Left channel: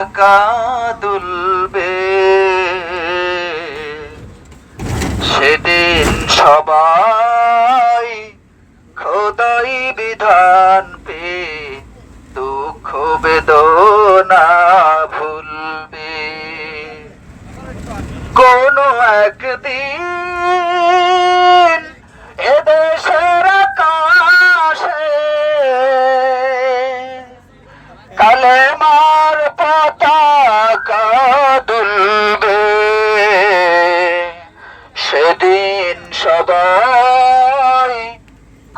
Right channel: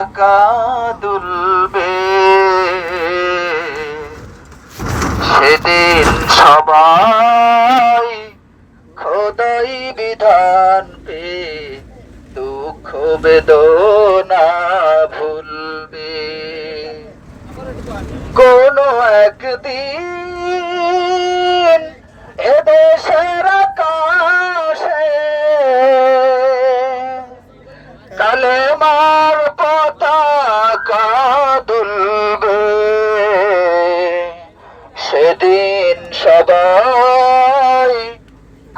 দুলবে সেদিন সবাই খোদাই বিধান পে দুঃখ বেদনা ভুলবে কোন একদিন এদেশের আকাশে কালেমার পতাকা দুলবে সেদিন সবাই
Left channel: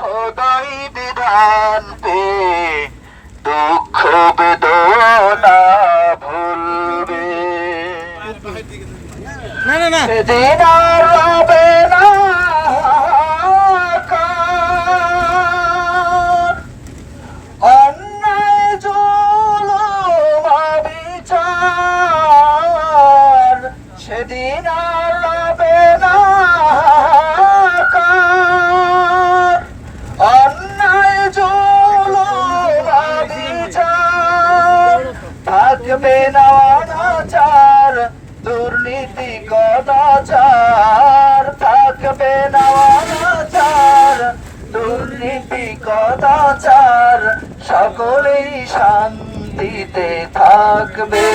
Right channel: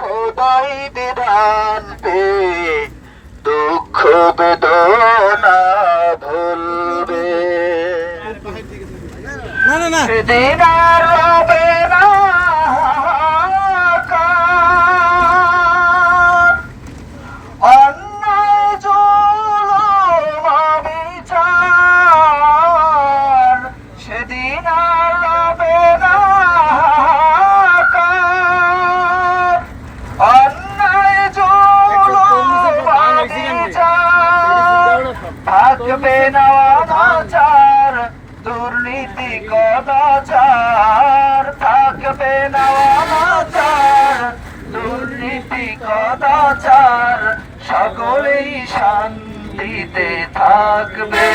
খোদাই বিধান পে দুঃখ বেদনা ভুলবে সেদিন আর হবে না অন্যায় জুলুম বিচার সেদিন আর হবে না অন্যায় জুলুম বিচার থাকবে না অনাচার দুর্নীতি কদাচার থাকবে না অনাচার দুর্নীতি কদাচার সকলেই শান্তিতে থাকবে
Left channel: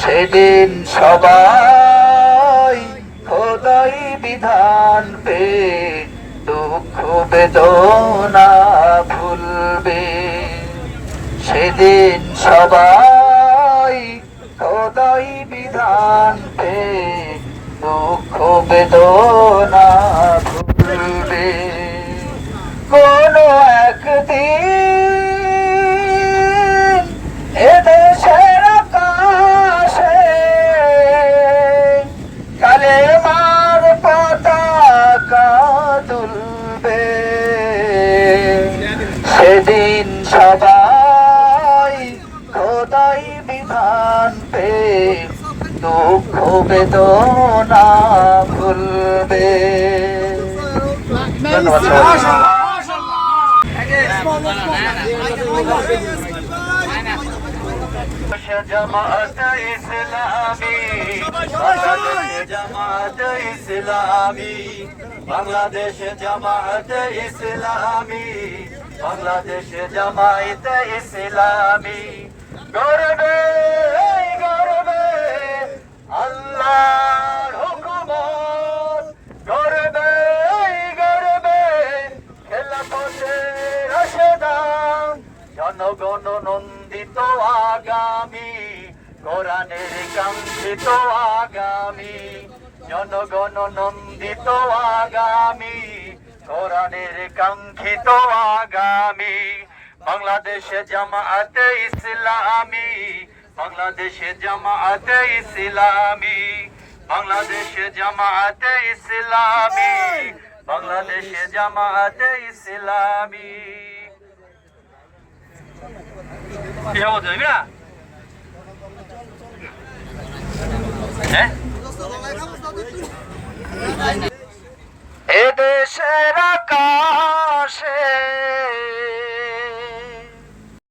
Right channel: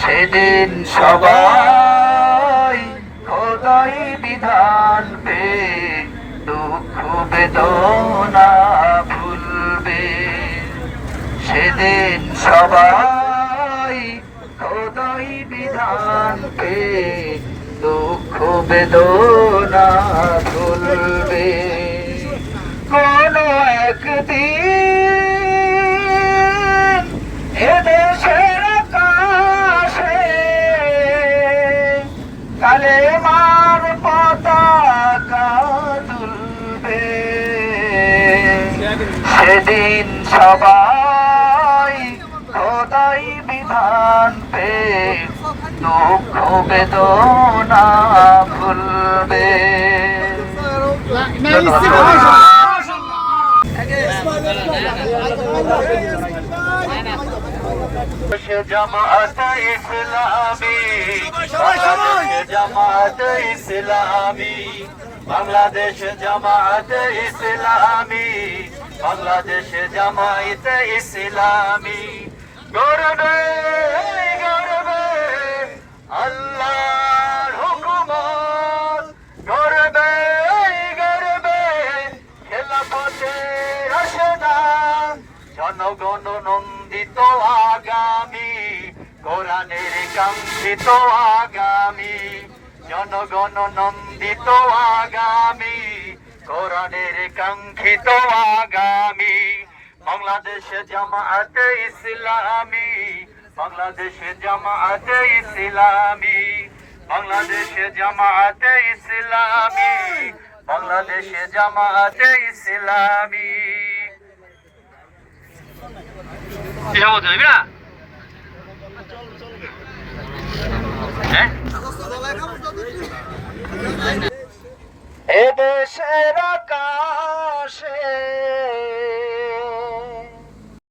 সেদিন সবাই খোদাই বিধান পে দুঃখ বেদনা ভুলবে সেদিন সবাই খোদাই বিধান পে দুঃখ বেদনা ভুলবে কোন একদিন এদেশের আকাশে কালেমার পতাকা দুলবে সেদিন সবাই খোদাই বিধান পে দুঃখ বেদনা ভুলবে জামাত ইসলামী জামাত ইসলামী বাংলাদেশ জামাত ইসলামী বাংলাদেশ জামাত ইসলামী গর্বে গর্বে আল্লাহর হুকুমত গর্বে গর্বে খেলাফতে রাশেদান জনগণ নন্দিত আগামী কোরআনের কাঙ্ক্ষিত আগামী জনগণ নন্দিত আগামী কোরআনের কাঙ্ক্ষিত আগামী বাংলাদেশ জামাতে ইসলামী বাংলাদেশ জামাতে ইসলামী বাংলাদেশ জামাতে ইসলামী বাংলাদেশ জামাতে ইসলামী কি হবো যাবি না হ্যাঁ